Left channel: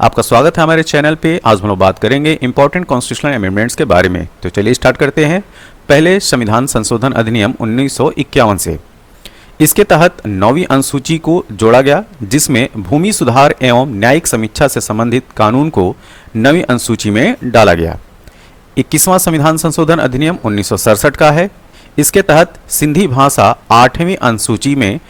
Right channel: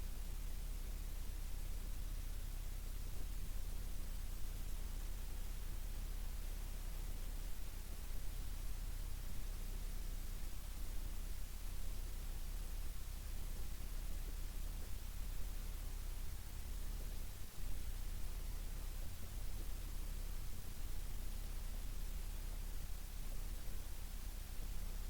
आपका स्वागत है हमारे चैनल पे। आज हम लोग बात करेंगे इंपॉर्टेंट कॉन्स्टिट्यूशनल अमेंडमेंट्स के बारे में। तो चलिए स्टार्ट करते हैं। पहले संविधान संशोधन अधिनियम 1951 से। इसके तहत 9वीं अनुसूची को जोड़ा गया, जिसमें भूमि सुधार एवं न्यायिक समीक्षा से संबंधित कानून को 9वीं अनुसूची में डाला गया। 21वां संविधान संशोधन अधिनियम 1967 का है। इसके तहत सिंधी भाषा 8वीं अनुसूची में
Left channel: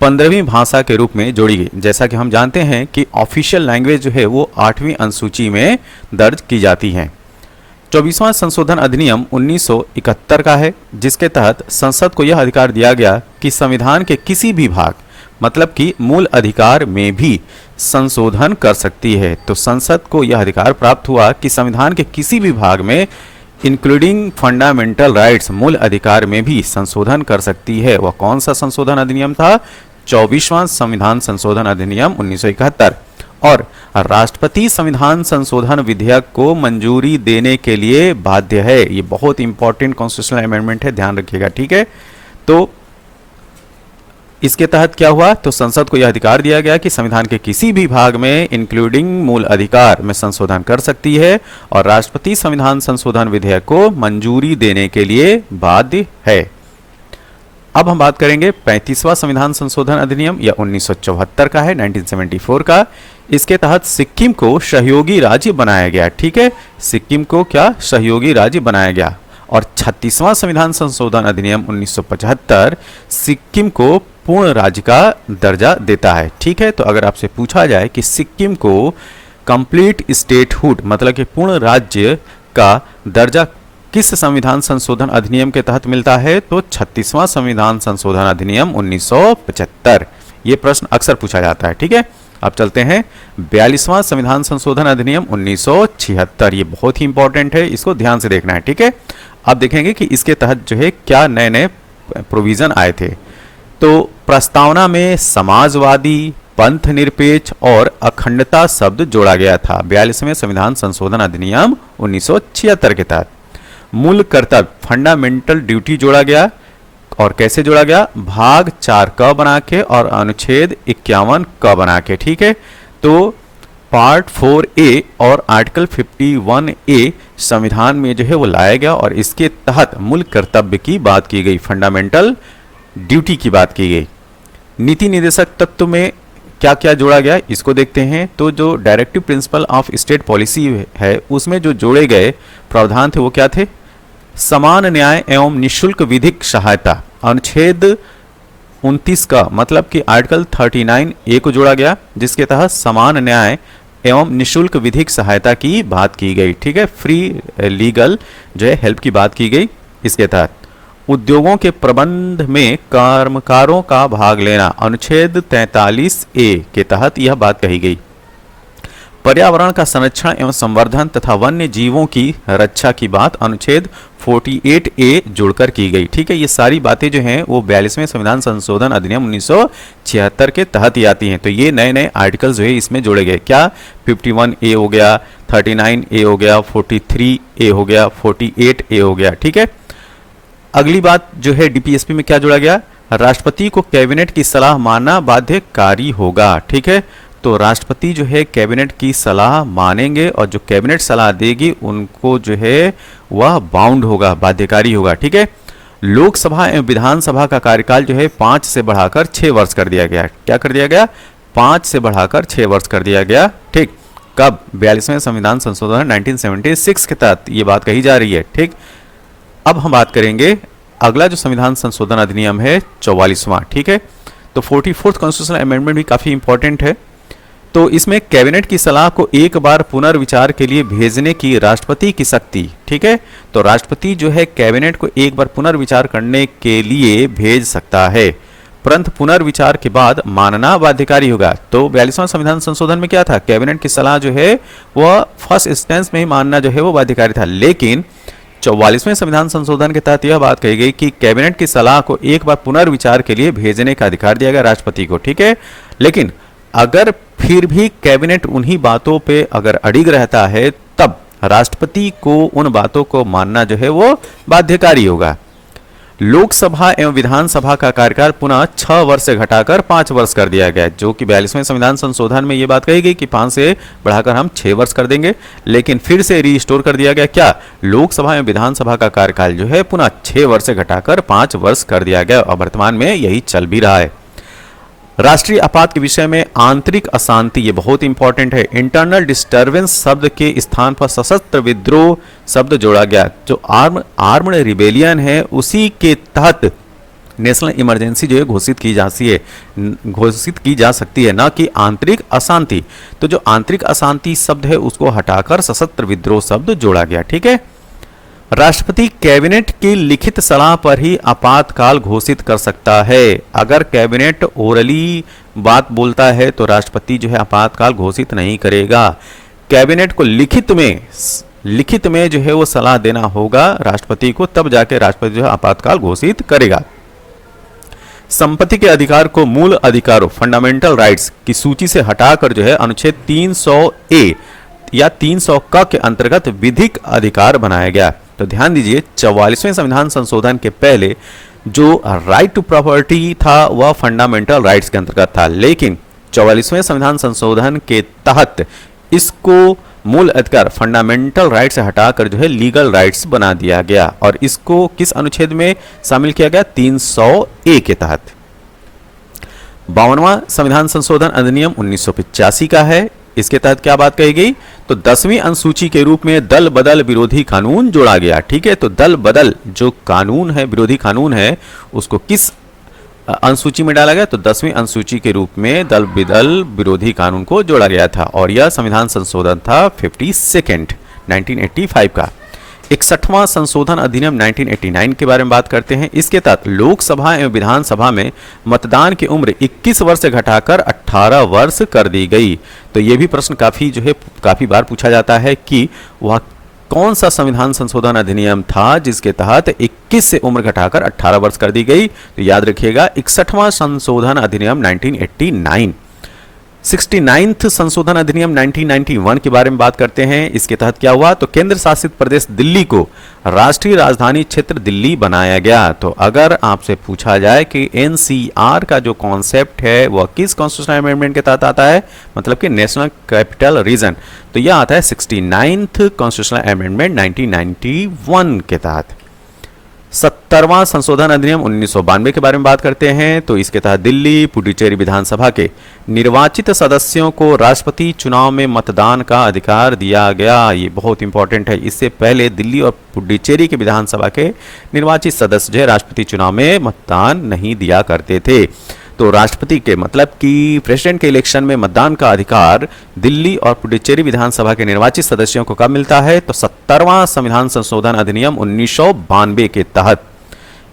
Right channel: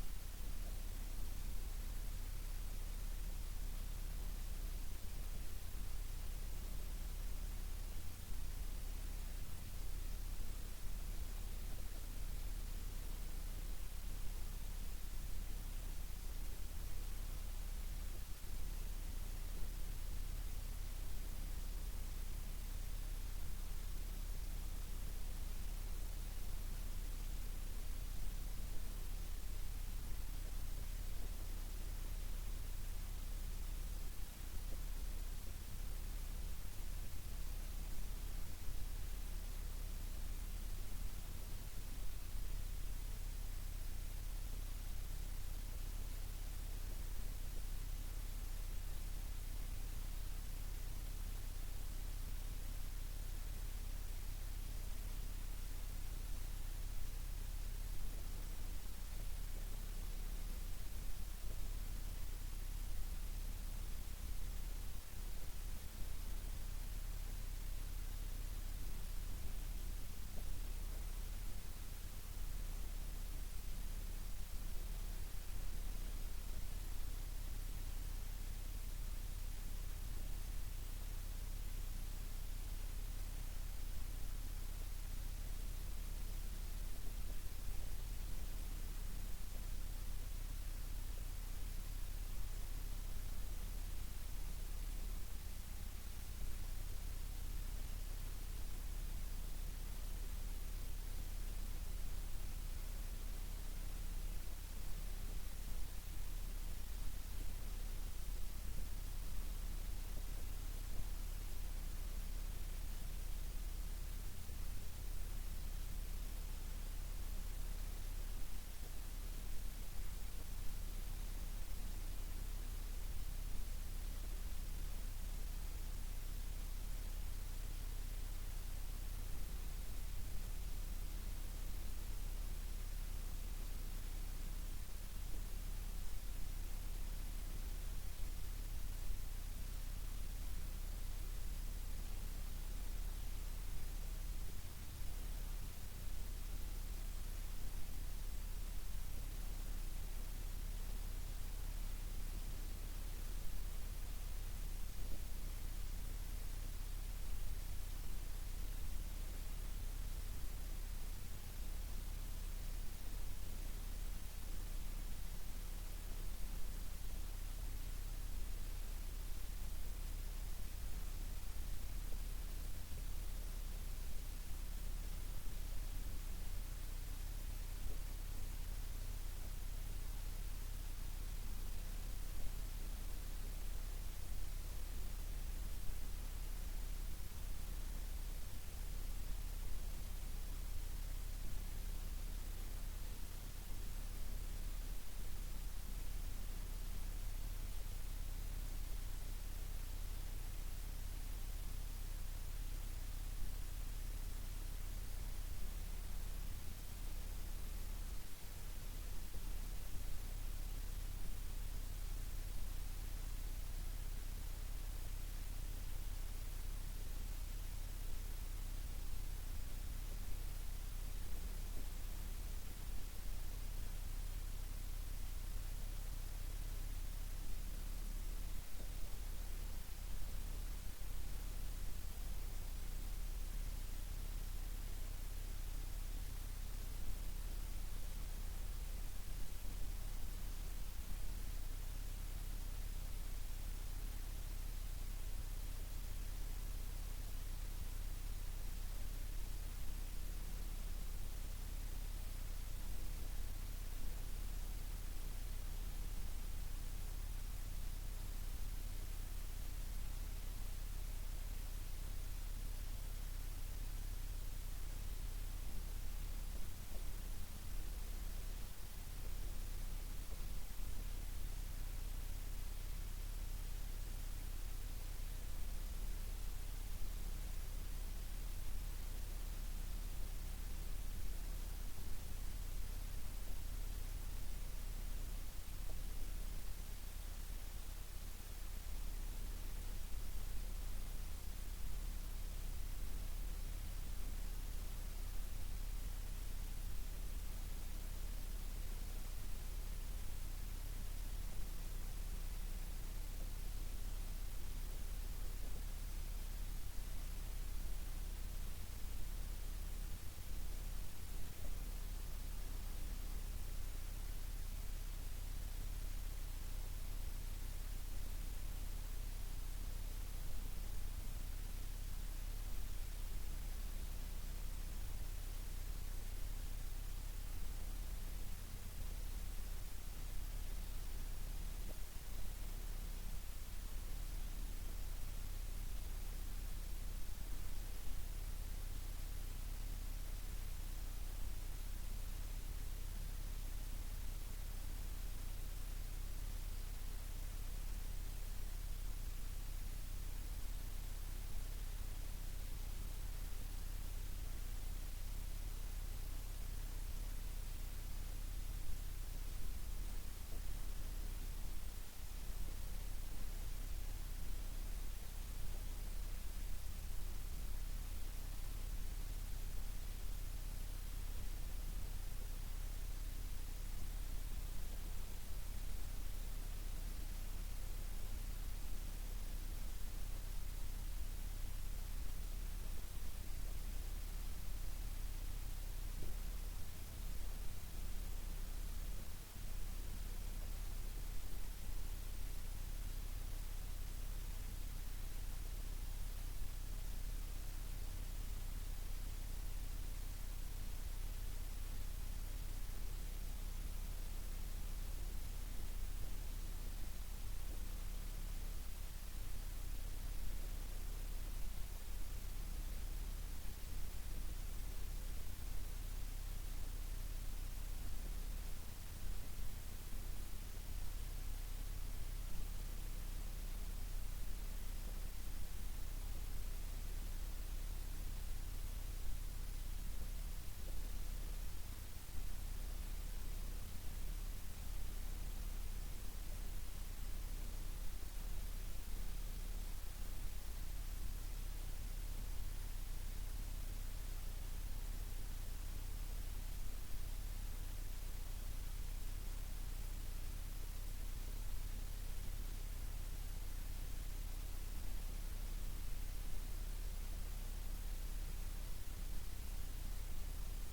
15वीं भाषा के रूप में जोड़ी गई। जैसा कि हम जानते हैं कि ऑफिशियल लैंग्वेज जो है वो 8वीं अनुसूची में दर्ज की जाती है। 24वां संशोधन अधिनियम 1971 का है, जिसके तहत संसद को यह अधिकार दिया गया कि संविधान के किसी भी भाग, मतलब कि मूल अधिकार में भी संशोधन कर सकती है। तो संसद को यह अधिकार प्राप्त हुआ कि संविधान के किसी भी भाग में इंक्लूडिंग फंडामेंटल राइट्स, मूल अधिकार में भी संशोधन कर सकती है। वह कौन सा संशोधन अधिनियम था? 24वां संविधान संशोधन अधिनियम 1971। और राष्ट्रपति संविधान संशोधन विधेयक को मंजूरी देने के लिए बाध्य है। ये बहुत इंपॉर्टेंट कॉन्स्टिट्यूशनल अमेंडमेंट है, ध्यान रखिएगा, ठीक है। तो इसके तहत क्या हुआ? तो संसद को यह अधिकार दिया गया कि संविधान के किसी भी भाग में इंक्लूडिंग मूल अधिकार में संशोधन कर सकती है और राष्ट्रपति संविधान संशोधन विधेयक को मंजूरी देने के लिए बाध्य है। अब हम बात करेंगे 35वां संविधान संशोधन अधिनियम, यह 1974 का है, 1974 का। इसके तहत सिक्किम को सहयोगी राज्य बनाया गया, ठीक है। सिक्किम को क्या? सहयोगी राज्य बनाया गया। और 36वां संविधान संशोधन अधिनियम 1975 सिक्किम को पूर्ण राज्य का दर्जा देता है, ठीक है। तो अगर आपसे पूछा जाए कि सिक्किम को कंप्लीट स्टेटहुड, मतलब कि पूर्ण राज्य का दर्जा किस संविधान संशोधन अधिनियम के तहत मिलता है, तो 36वां संविधान संशोधन अधिनियम 1975। ये प्रश्न अक्सर पूछा जाता है, ठीक है। अब चलते हैं 42वां संविधान संशोधन अधिनियम 1976। ये बहुत ही इंपॉर्टेंट है, इसको ध्यान से देखना है, ठीक है। अब देखेंगे कि इसके तहत जो है क्या नए नए प्रोविजन आए थे। तो प्रस्तावना में समाजवादी, पंथ निरपेक्ष और अखंडता शब्द जोड़ा गया था 42वें संविधान संशोधन अधिनियम 1976 के तहत। मूल कर्तव्य, फंडामेंटल ड्यूटी जोड़ा गया। और कैसे जोड़ा गया? भाग 4 क बना के और अनुच्छेद 51 क बना के, ठीक है। तो पार्ट 4A और आर्टिकल 51A संविधान में जो है वो लाया गया और इसके तहत मूल कर्तव्य की बात की गई, फंडामेंटल ड्यूटी की बात की गई। नीति निर्देशक तत्व में क्या क्या जोड़ा गया, इसको देखते हैं। तो जो directive principle of state policy है, उसमें जो जोड़े गए प्रावधान थे वो क्या थे? समान न्याय एवं निःशुल्क विधिक सहायता, अनुच्छेद 29 का, मतलब कि आर्टिकल 39A को जोड़ा गया, जिसके तहत समान न्याय एवं निःशुल्क विधिक सहायता की बात की गई, ठीक है। फ्री लीगल जो है हेल्प की बात की गई। इसके तहत उद्योगों के प्रबंध में कर्मकारों का भाग लेना, अनुच्छेद 43A के तहत यह बात कही गई। पर्यावरण का संरक्षण एवं संवर्धन तथा वन्य जीवों की रक्षा की बात अनुच्छेद 48A जोड़कर की गई, ठीक है। ये सारी बातें जो हैं वो 42वें संविधान संशोधन अधिनियम 1976 के तहत ही आती हैं। तो ये नए नए आर्टिकल्स जो है इसमें जोड़े गए। क्या? 51A हो गया, 39A हो गया, 43A हो गया, 48A हो गया, ठीक है। अगली बात जो है डीपीएसपी में क्या जोड़ा गया? राष्ट्रपति को कैबिनेट की सलाह मानना बाध्यकारी होगा, ठीक है। तो राष्ट्रपति जो है कैबिनेट की सलाह मानेंगे और जो कैबिनेट सलाह देगी उनको जो है वह बाउंड होगा, बाध्यकारी होगा, ठीक है। लोकसभा एवं विधानसभा का कार्यकाल जो है 5 से बढ़ाकर 6 वर्ष कर दिया गया। क्या कर दिया गया? 5 से बढ़ाकर 6 वर्ष कर दिया गया, ठीक। कब? 42वें संविधान संशोधन 1976 के तहत ये बात कही जा रही है, ठीक। अब हम बात करेंगे अगला जो संविधान संशोधन अधिनियम है 44वां, ठीक है। तो 44th कॉन्स्टिट्यूशनल अमेंडमेंट भी काफी इंपॉर्टेंट है। तो इसमें कैबिनेट की सलाह को एक बार पुनर्विचार के लिए भेजने की राष्ट्रपति की शक्ति, ठीक है। तो राष्ट्रपति जो है कैबिनेट को एक बार पुनर्विचार करने के लिए भेज सकता है, परंतु पुनर्विचार के बाद मानना बाध्यकारी होगा। तो 42वां संविधान संशोधन में क्या था? कैबिनेट की सलाह जो है वह फर्स्ट इंस्टेंस में ही मानना जो है वो बाध्यकारी था। लेकिन 44वें संविधान संशोधन के तहत यह बात कही गई कि कैबिनेट की सलाह को एक बार पुनर्विचार के लिए भेजने का अधिकार दिया गया राष्ट्रपति को, ठीक है। लेकिन अगर फिर भी कैबिनेट उन्हीं बातों पे अगर अड़िग रहता है, तब राष्ट्रपति को उन बातों को मानना जो है वो बाध्यकारी होगा। लोकसभा एवं विधानसभा का कार्यकाल पुनः 6 वर्ष से घटाकर 5 वर्ष कर दिया गया, जो कि 42वें संविधान संशोधन में ये बात कही गई कि 5 से बढ़ाकर हम 6 वर्ष कर देंगे, लेकिन फिर से रिस्टोर कर दिया गया। क्या? लोकसभा एवं विधानसभा का कार्यकाल जो है पुनः 6 वर्ष से घटाकर 5 वर्ष कर दिया गया और वर्तमान में यही चल भी रहा है। राष्ट्रीय आपात के विषय में आंतरिक अशांति, ये बहुत इंपॉर्टेंट है। इंटरनल डिस्टर्बेंस शब्द के स्थान पर सशस्त्र विद्रोह शब्द जोड़ा गया। जो आर्म्ड रिबेलियन है उसी के तहत नेशनल इमरजेंसी जो है घोषित की जा सकती है, ना कि आंतरिक अशांति। तो जो आंतरिक अशांति शब्द है उसको हटाकर सशस्त्र विद्रोह शब्द जोड़ा गया। ठीक है। राष्ट्रपति कैबिनेट की लिखित सलाह पर ही आपातकाल घोषित कर सकता है। अगर कैबिनेट ओरली बात बोलता है तो राष्ट्रपति जो है आपातकाल घोषित नहीं करेगा। कैबिनेट को लिखित में जो है वो सलाह देना होगा राष्ट्रपति को, तब जाके राष्ट्रपति जो है आपातकाल घोषित करेगा। संपत्ति के अधिकार को मूल अधिकारों फंडामेंटल राइट्स की सूची से हटाकर जो है अनुच्छेद 300A या 300 क के अंतर्गत विधिक अधिकार बनाया गया। तो ध्यान दीजिए 44वें संविधान संशोधन के पहले जो राइट टू प्रॉपर्टी था वह फंडामेंटल राइट्स के अंतर्गत था, लेकिन 44वें संविधान संशोधन के तहत इसको मूल अधिकार फंडामेंटल राइट से हटाकर जो है लीगल राइट्स बना दिया गया और इसको किस अनुच्छेद में शामिल किया गया? 300A के तहत। 52वां संविधान संशोधन अधिनियम 1985 का है। इसके तहत क्या बात कही गई? तो 10वीं अनुसूची के रूप में दल बदल विरोधी कानून जोड़ा गया। ठीक है। तो दल बदल जो कानून है, विरोधी कानून है, उसको किस अनुसूची में डाला गया? तो 10वीं अनुसूची के रूप में दल बदल विरोधी कानून को जोड़ा गया था और यह संविधान संशोधन था 52nd 1985 का। 61वां संशोधन अधिनियम 1989 के बारे में बात करते हैं। इसके तहत लोकसभा एवं विधानसभा में मतदान की उम्र 21 वर्ष से घटाकर 18 वर्ष कर दी गई। तो ये भी प्रश्न काफी बार पूछा जाता है कि वह कौन सा संविधान संशोधन अधिनियम था जिसके तहत 21 से उम्र घटाकर 18 वर्ष कर दी गई? तो याद रखिएगा 61वां संशोधन अधिनियम 1989। 69th संशोधन अधिनियम 1991 के बारे में बात करते हैं। इसके तहत क्या हुआ? तो केंद्र शासित प्रदेश दिल्ली को राष्ट्रीय राजधानी क्षेत्र दिल्ली बनाया गया। तो अगर आपसे पूछा जाए कि एनसीआर का जो कॉन्सेप्ट है वह किस कॉन्स्टिट्यूशनल अमेंडमेंट के तहत आता है, मतलब कि नेशनल कैपिटल रीजन, तो यह आता है 69th कॉन्स्टिट्यूशनल अमेंडमेंट 1991 के तहत। 70वां संशोधन अधिनियम 1992 के बारे में बात करते हैं। तो इसके तहत दिल्ली पुडुचेरी विधानसभा के निर्वाचित सदस्यों को राष्ट्रपति चुनाव में मतदान का अधिकार दिया गया। ये बहुत इंपॉर्टेंट है। इससे पहले दिल्ली और पुडुचेरी के विधानसभा के निर्वाचित सदस्य जो है राष्ट्रपति चुनाव में मतदान नहीं दिया करते थे। तो राष्ट्रपति के मतलब कि प्रेसिडेंट के इलेक्शन में मतदान का अधिकार दिल्ली और पुडुचेरी विधानसभा के निर्वाचित सदस्यों को कब मिलता है? तो 70वां संविधान संशोधन अधिनियम 1992 के तहत।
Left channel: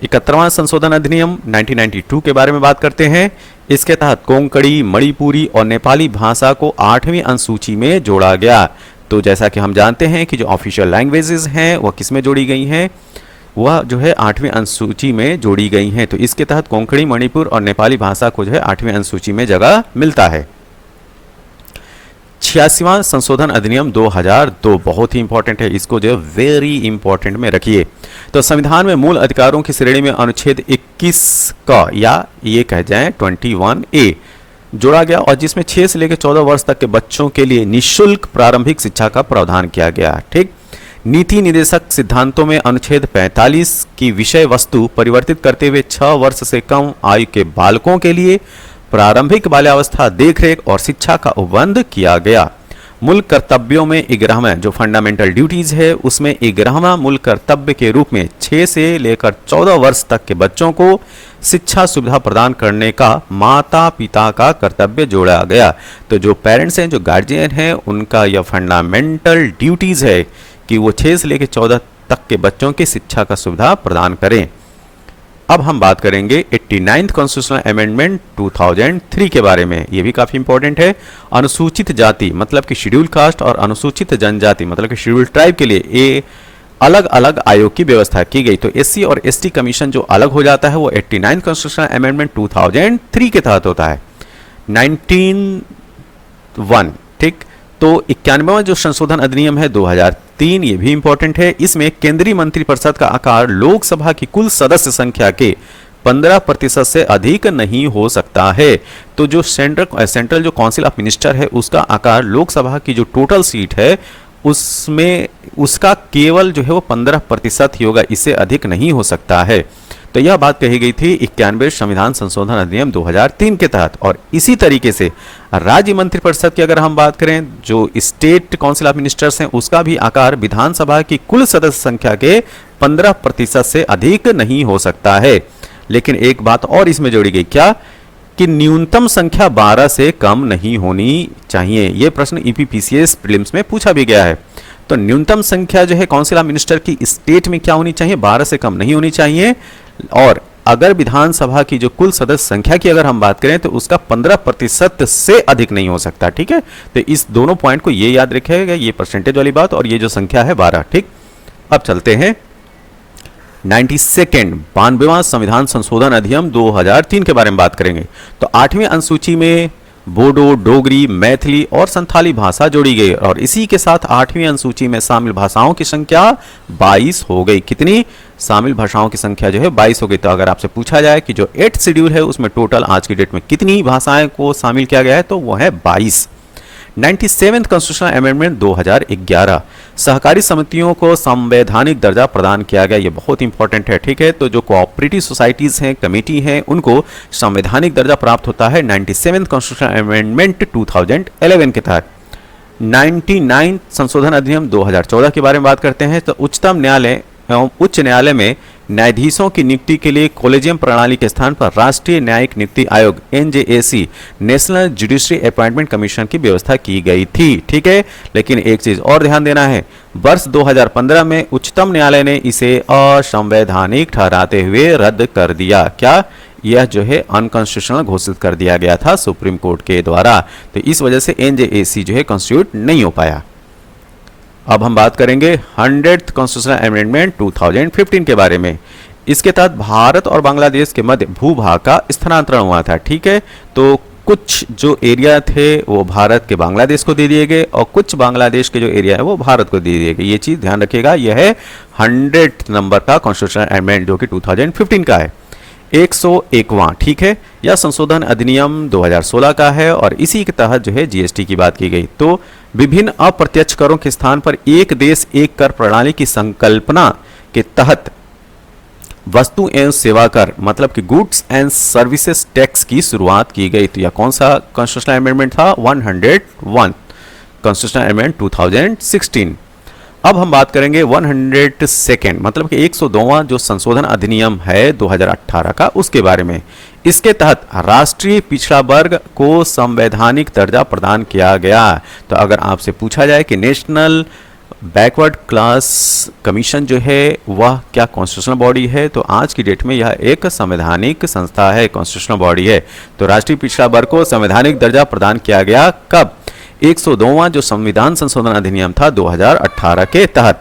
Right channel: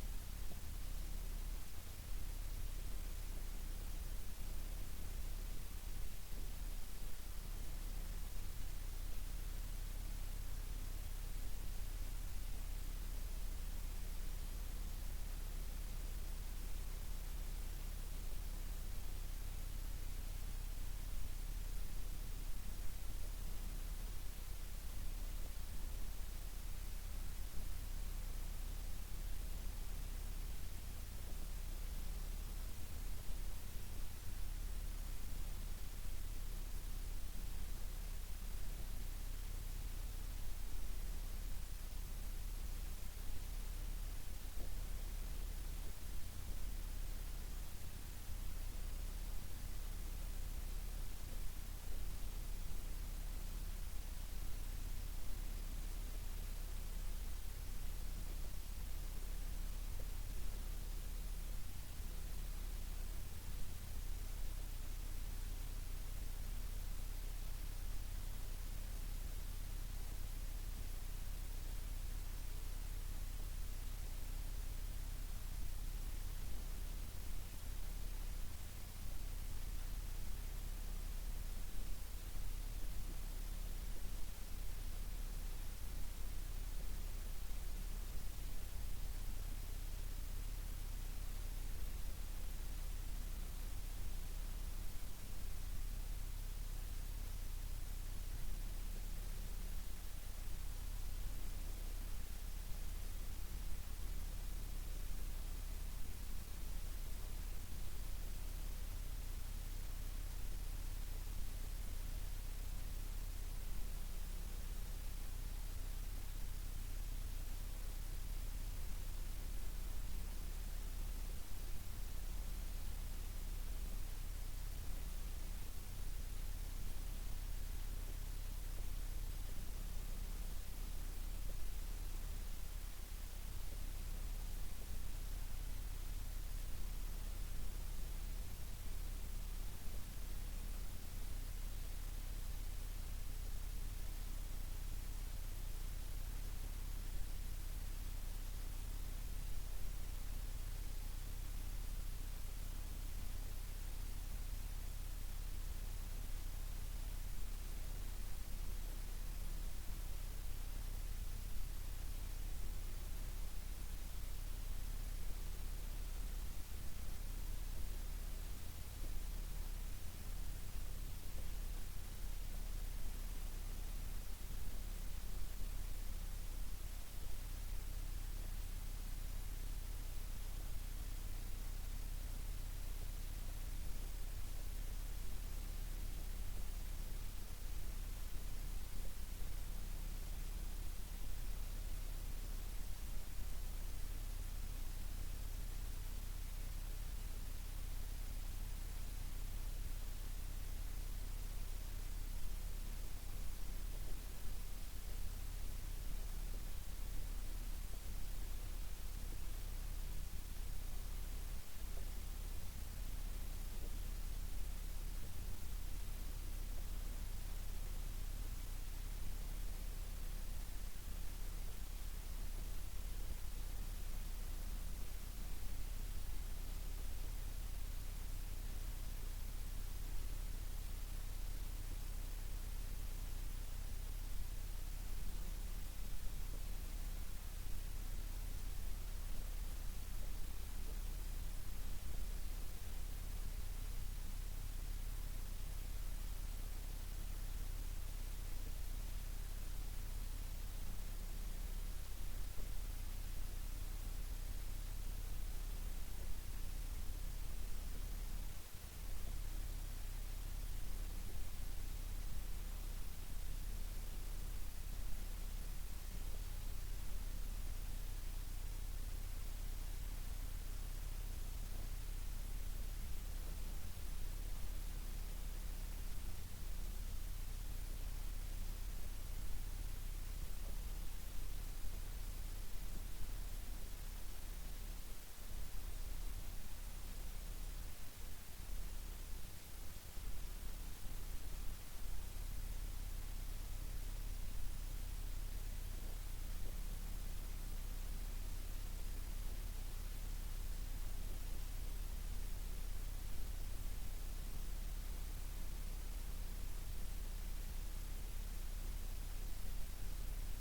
71वां संशोधन अधिनियम 1992 के बारे में बात करते हैं। इसके तहत कोंकणी, मणिपुरी और नेपाली भाषा को 8वीं अनुसूची में जोड़ा गया। तो जैसा कि हम जानते हैं कि जो ऑफिशियल लैंग्वेजेस हैं वह किस में जोड़ी गई हैं? वह जो है 8वीं अनुसूची में जोड़ी गई हैं। तो इसके तहत कोंकणी, मणिपुर और नेपाली भाषा को जो है 8वीं अनुसूची में जगह मिलता है। 86वां संशोधन अधिनियम 2002 बहुत ही इंपॉर्टेंट है, इसको जो है वेरी इंपॉर्टेंट में रखिए। तो संविधान में मूल अधिकारों की श्रेणी में अनुच्छेद 21 का या ये कह जाए 21A जोड़ा गया और जिसमें 6 से लेकर 14 वर्ष तक के बच्चों के लिए निःशुल्क प्रारंभिक शिक्षा का प्रावधान किया गया। ठीक। नीति निदेशक सिद्धांतों में अनुच्छेद 45 की विषय वस्तु परिवर्तित करते हुए 6 वर्ष से कम आयु के बालकों के लिए प्रारंभिक बाल्यावस्था देखरेख और शिक्षा का उपबंध किया गया। मूल कर्तव्यों में 11वां जो फंडामेंटल ड्यूटीज है उसमें 11वां मूल कर्तव्य के रूप में 6 से लेकर 14 वर्ष तक के बच्चों को शिक्षा सुविधा प्रदान करने का माता पिता का कर्तव्य जोड़ा गया। तो जो पेरेंट्स हैं, जो गार्जियन हैं, उनका यह फंडामेंटल ड्यूटीज है कि वो 6 से लेकर 14 तक के बच्चों की शिक्षा का सुविधा प्रदान करें। अब हम बात करेंगे 89th कॉन्स्टिट्यूशनल अमेंडमेंट 2003 के बारे में। ये भी काफी इंपॉर्टेंट है। अनुसूचित जाति मतलब कि शेड्यूल कास्ट और अनुसूचित जनजाति मतलब कि शेड्यूल ट्राइब के लिए ये अलग अलग आयोग की व्यवस्था की गई। तो एससी और एसटी कमीशन जो अलग हो जाता है वो 89th कॉन्स्टिट्यूशनल अमेंडमेंट 2003 के तहत होता है। 1901 ठीक। तो 91वां जो संशोधन अधिनियम है 2003, ये भी इंपॉर्टेंट है। इसमें केंद्रीय मंत्रिपरिषद का आकार लोकसभा की कुल सदस्य संख्या के 15% से अधिक नहीं हो सकता है। तो जो सेंट्रल जो काउंसिल ऑफ मिनिस्टर है उसका आकार लोकसभा की जो टोटल सीट है उसमें उसका केवल जो है वो 15% ही होगा, इससे अधिक नहीं हो सकता है। तो यह बात कही गई थी 91वें संविधान संशोधन अधिनियम 2003 के तहत। और इसी तरीके से राज्य मंत्रिपरिषद की अगर हम बात करें, जो स्टेट काउंसिल ऑफ मिनिस्टर्स हैं उसका भी आकार विधानसभा की कुल सदस्य संख्या के 15% से अधिक नहीं हो सकता है। लेकिन एक बात और इसमें जोड़ी गई, क्या कि न्यूनतम संख्या 12 से कम नहीं होनी चाहिए। यह प्रश्न ईपीपीसीएस प्रीलिम्स में पूछा भी गया है। तो न्यूनतम संख्या जो है काउंसिल ऑफ मिनिस्टर की स्टेट में क्या होनी चाहिए, 12 से कम नहीं होनी चाहिए। और अगर विधानसभा की जो कुल सदस्य संख्या की अगर हम बात करें तो उसका 15% से अधिक नहीं हो सकता। ठीक है, तो इस दोनों पॉइंट को ये याद रखिएगा, ये परसेंटेज वाली बात और ये जो संख्या है 12। ठीक, अब चलते हैं 92वां संविधान संशोधन अधिनियम 2003 के बारे में बात करेंगे। तो 8वीं अनुसूची में बोडो, डोगरी, मैथिली और संथाली भाषा जोड़ी गई और इसी के साथ 8वीं अनुसूची में शामिल भाषाओं की संख्या 22 हो गई। कितनी शामिल भाषाओं की संख्या जो है 22 हो गई। तो अगर आपसे पूछा जाए कि जो 8th शेड्यूल है उसमें टोटल आज की डेट में कितनी भाषाएं को शामिल किया गया है, तो वो है 22। 97th कॉन्स्टिट्यूशनल अमेंडमेंट 2011, सहकारी समितियों को संवैधानिक दर्जा प्रदान किया गया। ये बहुत इंपॉर्टेंट है। ठीक है, तो जो कोऑपरेटिव सोसाइटीज हैं, कमेटी हैं, उनको संवैधानिक दर्जा प्राप्त होता है 97th कॉन्स्टिट्यूशनल अमेंडमेंट 2011 के तहत। 99 संशोधन अधिनियम 2014 के बारे में बात करते हैं। तो उच्चतम न्यायालय एवं उच्च न्यायालय में न्यायाधीशों की नियुक्ति के लिए कॉलेजियम प्रणाली के स्थान पर राष्ट्रीय न्यायिक नियुक्ति आयोग NJAC, national judiciary appointment commission की व्यवस्था की गई थी। ठीक है, लेकिन एक चीज और ध्यान देना है, वर्ष 2015 में उच्चतम न्यायालय ने इसे असंवैधानिक ठहराते हुए रद्द कर दिया। क्या, यह जो है अनकॉन्स्टिट्यूशनल घोषित कर दिया गया था सुप्रीम कोर्ट के द्वारा। तो इस वजह से एनजेएसी जो है कॉन्स्टिट्यूट नहीं हो पाया। अब हम बात करेंगे 100th कॉन्स्टिट्यूशनल अमेंडमेंट 2015 के बारे में। इसके तहत भारत और बांग्लादेश के मध्य भूभाग का स्थानांतरण हुआ था। ठीक है, तो कुछ जो एरिया थे वो भारत के बांग्लादेश को दे दिए गए और कुछ बांग्लादेश के जो एरिया है वो भारत को दे दिए गए। ये चीज ध्यान रखिएगा, यह है 100th नंबर का कॉन्स्टिट्यूशनल अमेंडमेंट जो कि 2015 का है। 101वां, ठीक है, यह संशोधन अधिनियम 2016 का है और इसी के तहत जो है जीएसटी की बात की गई। तो विभिन्न अप्रत्यक्ष करों के स्थान पर एक देश एक कर प्रणाली की संकल्पना के तहत वस्तु एवं सेवा कर मतलब कि गुड्स एंड सर्विसेज टैक्स की शुरुआत की गई। तो यह कौन सा कॉन्स्टिट्यूशनल अमेंडमेंट था, 101 कॉन्स्टिट्यूशनल अमेंडमेंट 2016। अब हम बात करेंगे 102nd मतलब कि 102वां जो संशोधन अधिनियम है 2018 का, उसके बारे में। इसके तहत राष्ट्रीय पिछड़ा वर्ग को संवैधानिक दर्जा प्रदान किया गया। तो अगर आपसे पूछा जाए कि नेशनल बैकवर्ड क्लास कमीशन जो है वह क्या कॉन्स्टिट्यूशनल बॉडी है, तो आज की डेट में यह एक संवैधानिक संस्था है, कॉन्स्टिट्यूशनल बॉडी है। तो राष्ट्रीय पिछड़ा वर्ग को संवैधानिक दर्जा प्रदान किया गया कब, 102वां जो संविधान संशोधन अधिनियम था 2018 के तहत।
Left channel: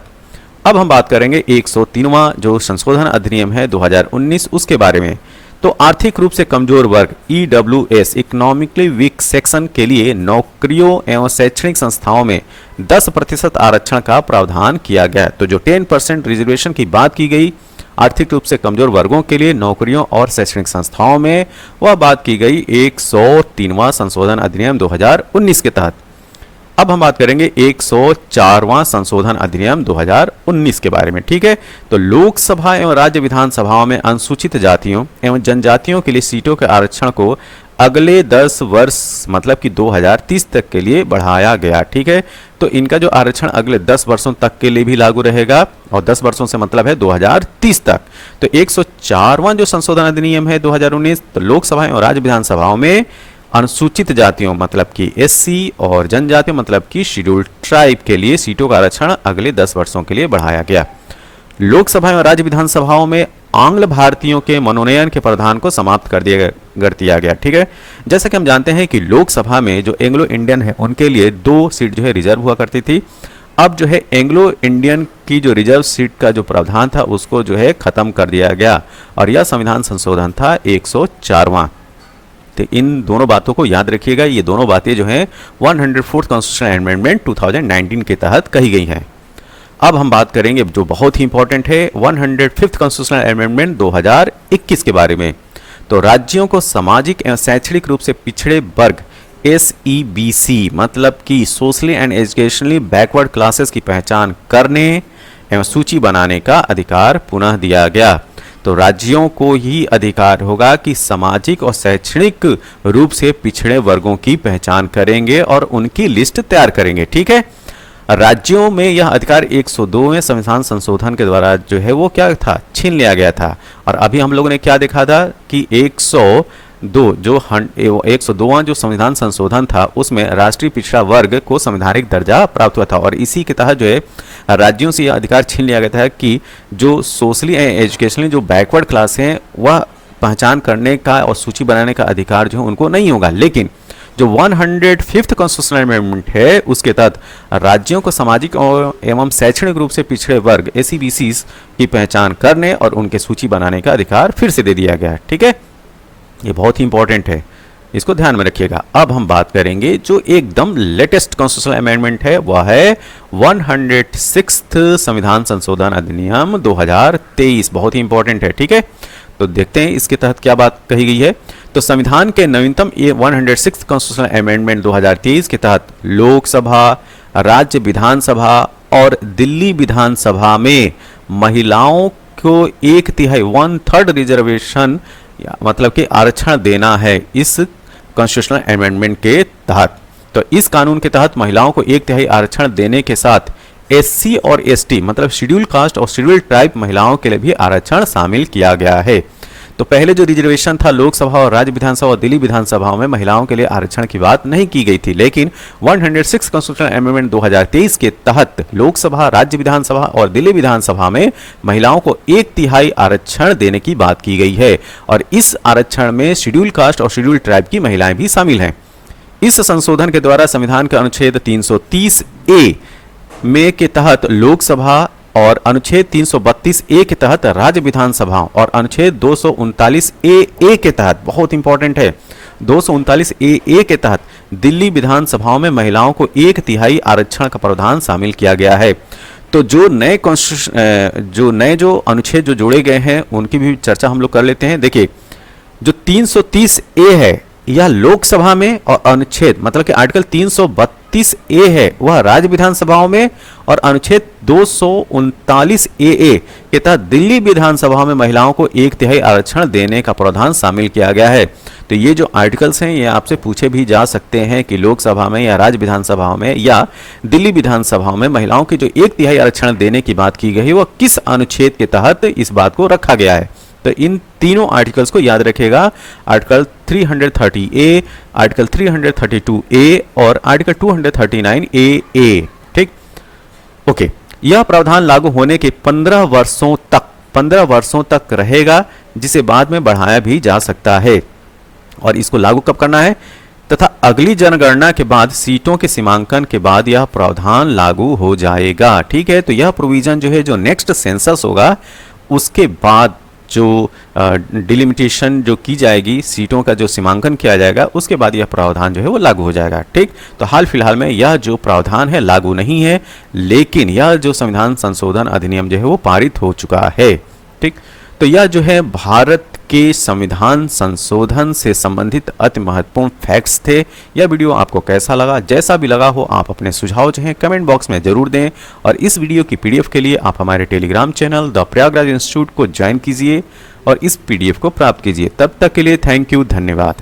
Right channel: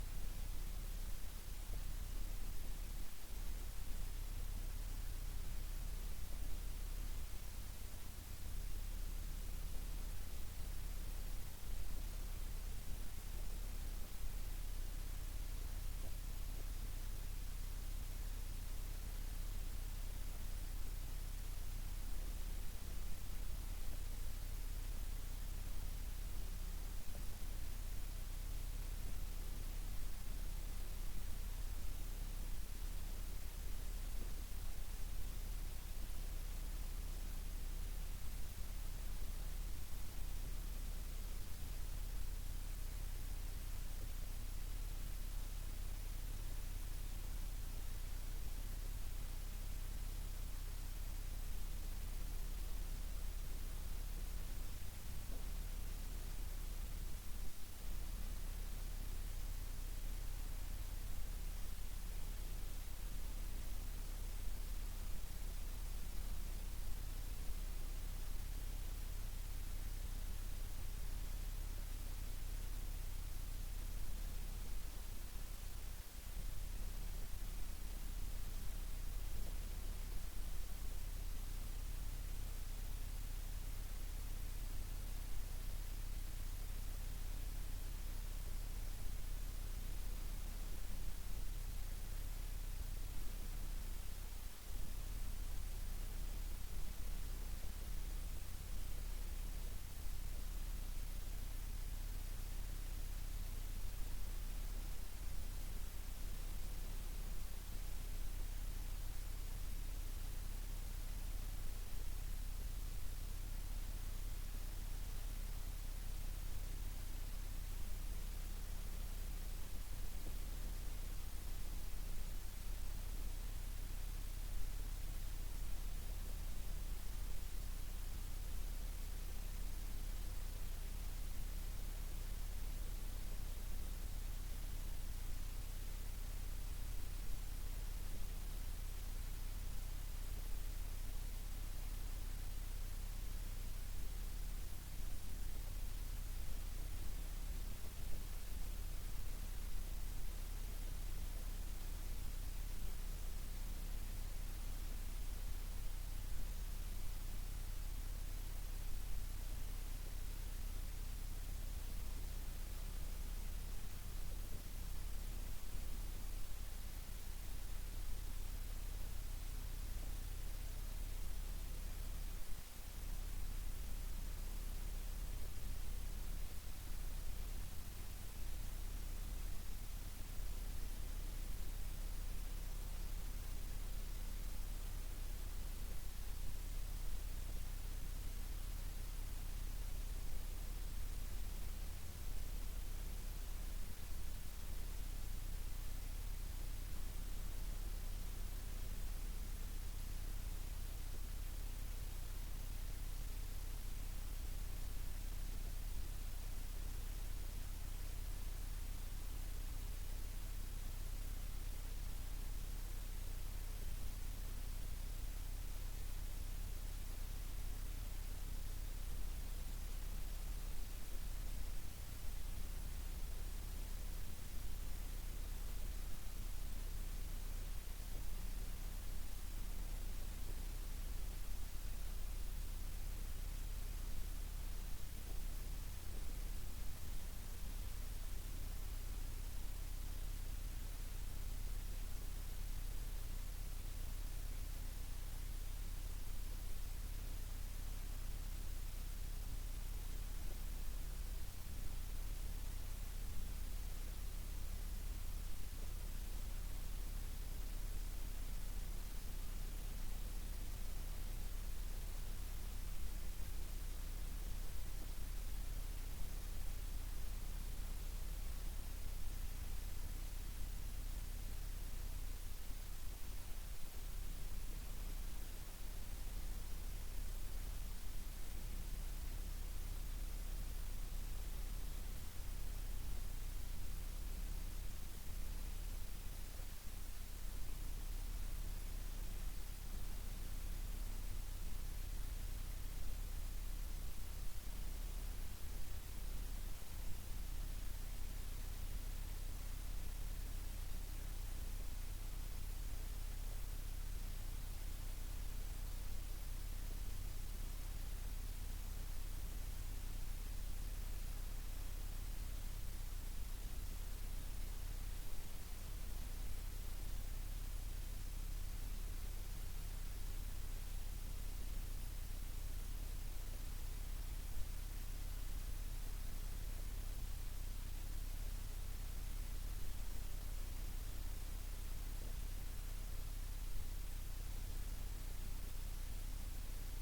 अब हम बात करेंगे 103वां जो संशोधन अधिनियम है 2019 उसके बारे में। तो आर्थिक रूप से कमजोर वर्ग ईडब्ल्यूएस इकोनॉमिकली वीक सेक्शन के लिए नौकरियों एवं शैक्षणिक संस्थाओं में 10% आरक्षण का प्रावधान किया गया। तो जो 10% रिजर्वेशन की बात की गई आर्थिक रूप से कमजोर वर्गों के लिए नौकरियों और शैक्षणिक संस्थाओं में, वह बात की गई 103वां संशोधन अधिनियम 2019 के तहत। अब हम बात करेंगे 104वां संशोधन अधिनियम 2019 के बारे में। ठीक है, तो लोकसभा एवं राज्य विधानसभाओं में अनुसूचित जातियों एवं जनजातियों के लिए सीटों के आरक्षण को अगले 10 वर्ष मतलब कि 2030 तक के लिए बढ़ाया गया। ठीक है, तो इनका जो आरक्षण अगले 10 वर्षों तक के लिए भी लागू रहेगा और 10 वर्षों से मतलब है 2030 तक। तो 104वां जो संशोधन अधिनियम है 2019 तो लोकसभा एवं राज्य विधानसभाओं में अनुसूचित जातियों मतलब कि एससी और जनजातियों मतलब कि शेड्यूल्ड ट्राइब के लिए सीटों का आरक्षण अगले 10 वर्षों के लिए बढ़ाया गया। लोकसभा और राज्य विधानसभाओं में आंग्ल भारतीयों के मनोनयन के प्रावधान को समाप्त कर दिया गया। ठीक है, जैसा कि हम जानते हैं कि लोकसभा में जो एंग्लो इंडियन है उनके लिए 2 सीट जो है रिजर्व हुआ करती थी। अब जो है एंग्लो इंडियन की जो रिजर्व सीट का जो प्रावधान था उसको जो है खत्म कर दिया गया और यह संविधान संशोधन था 104वां। तो इन दोनों बातों को याद रखिएगा। ये दोनों बातें जो हैं 104th कॉन्स्टिट्यूशनल अमेंडमेंट 2019 के तहत कही गई हैं। अब हम बात करेंगे जो बहुत ही इंपॉर्टेंट है 105th कॉन्स्टिट्यूशनल अमेंडमेंट 2021 के बारे में। तो राज्यों को सामाजिक एवं शैक्षणिक रूप से पिछड़े वर्ग SEBC मतलब कि socially and educationally backward classes की पहचान करने एवं सूची बनाने का अधिकार पुनः दिया गया। तो राज्यों को ही अधिकार होगा कि सामाजिक और शैक्षणिक रूप से पिछड़े वर्गों की पहचान करेंगे और उनकी लिस्ट तैयार करेंगे। ठीक है, राज्यों में यह अधिकार 102वें संविधान संशोधन के द्वारा जो है वो क्या था, छीन लिया गया था। और अभी हम लोगों ने क्या देखा था कि 102वां जो संविधान संशोधन था उसमें राष्ट्रीय पिछड़ा वर्ग को संवैधानिक दर्जा प्राप्त हुआ था और इसी के तहत जो है राज्यों से यह अधिकार छीन लिया गया था कि जो सोशली एंड एजुकेशनली जो बैकवर्ड क्लास हैं वह पहचान करने का और सूची बनाने का अधिकार जो है उनको नहीं होगा। लेकिन जो 105th कॉन्स्टिट्यूशनल अमेंडमेंट है उसके तहत राज्यों को सामाजिक एवं शैक्षणिक रूप से पिछड़े वर्ग SEBCs की पहचान करने और उनके सूची बनाने का अधिकार फिर से दे दिया गया है। ठीक है, ये बहुत ही इंपॉर्टेंट है, इसको ध्यान में रखिएगा। अब हम बात करेंगे जो एकदम लेटेस्ट कॉन्स्टिट्यूशनल अमेंडमेंट है वह है 106th संविधान संशोधन अधिनियम 2023, बहुत ही इंपॉर्टेंट है। ठीक है, तो देखते हैं इसके तहत क्या बात कही गई है। तो संविधान के नवीनतम 106th कॉन्स्टिट्यूशनल अमेंडमेंट 2023 के तहत लोकसभा, राज्य विधानसभा और दिल्ली विधानसभा में महिलाओं को 1/3 1/3 रिजर्वेशन मतलब कि आरक्षण देना है इस कॉन्स्टिट्यूशनल अमेंडमेंट के तहत। तो इस कानून के तहत महिलाओं को 1/3 आरक्षण देने के साथ SC और ST मतलब शेड्यूल कास्ट और शेड्यूल ट्राइब महिलाओं के लिए भी आरक्षण शामिल किया गया है। तो पहले जो रिजर्वेशन था लोकसभा और राज्य विधानसभा और दिल्ली विधानसभाओं में महिलाओं के लिए आरक्षण की बात नहीं की गई थी, लेकिन 106 कॉन्स्टिट्यूशनल अमेंडमेंट 2023 के तहत लोकसभा, राज्य विधानसभा और दिल्ली विधानसभा में महिलाओं को 1/3 आरक्षण देने की बात की गई है और इस आरक्षण में शेड्यूल कास्ट और शेड्यूल ट्राइब की महिलाएं भी शामिल हैं। इस संशोधन के द्वारा संविधान के अनुच्छेद 330A में के तहत लोकसभा और अनुच्छेद 332A के तहत राज्य विधानसभाओं और अनुच्छेद 239AA के तहत, बहुत इंपॉर्टेंट है, 239AA के तहत दिल्ली विधानसभाओं में महिलाओं को 1/3 आरक्षण का प्रावधान शामिल किया गया है। तो जो नए जो अनुच्छेद जो जोड़े गए हैं उनकी भी चर्चा हम लोग कर लेते हैं। देखिए, जो 330A है यह लोकसभा में और अनुच्छेद मतलब कि आर्टिकल 332A है वह राज्य विधानसभाओं में और अनुच्छेद 239AA के तहत दिल्ली विधानसभा में महिलाओं को 1/3 आरक्षण देने का प्रावधान शामिल किया गया है। तो ये जो आर्टिकल्स हैं ये आपसे पूछे भी जा सकते हैं कि लोकसभा में या राज्य विधानसभाओं में या दिल्ली विधानसभाओं में महिलाओं की जो 1/3 आरक्षण देने की बात की गई है वह किस अनुच्छेद के तहत इस बात को रखा गया है। तो इन तीनों आर्टिकल्स को याद रखेगा, आर्टिकल 330A, आर्टिकल 332A और आर्टिकल 239AA। ठीक, ओके। यह प्रावधान लागू होने के 15 वर्षों तक रहेगा, जिसे बाद में बढ़ाया भी जा सकता है। और इसको लागू कब करना है तथा अगली जनगणना के बाद सीटों के सीमांकन के बाद यह प्रावधान लागू हो जाएगा। ठीक है, तो यह प्रोविजन जो है जो नेक्स्ट सेंसस होगा उसके बाद जो डिलिमिटेशन जो की जाएगी, सीटों का जो सीमांकन किया जाएगा उसके बाद यह प्रावधान जो है वो लागू हो जाएगा। ठीक, तो हाल फिलहाल में यह जो प्रावधान है लागू नहीं है, लेकिन यह जो संविधान संशोधन अधिनियम जो है वो पारित हो चुका है। ठीक, तो यह जो है भारत के संविधान संशोधन से संबंधित अति महत्वपूर्ण फैक्ट्स थे। यह वीडियो आपको कैसा लगा, जैसा भी लगा हो आप अपने सुझाव जो हैं कमेंट बॉक्स में जरूर दें और इस वीडियो की PDF के लिए आप हमारे Telegram channel the Prayagraj institute को ज्वाइन कीजिए और इस PDF को प्राप्त कीजिए। तब तक के लिए थैंक यू, धन्यवाद।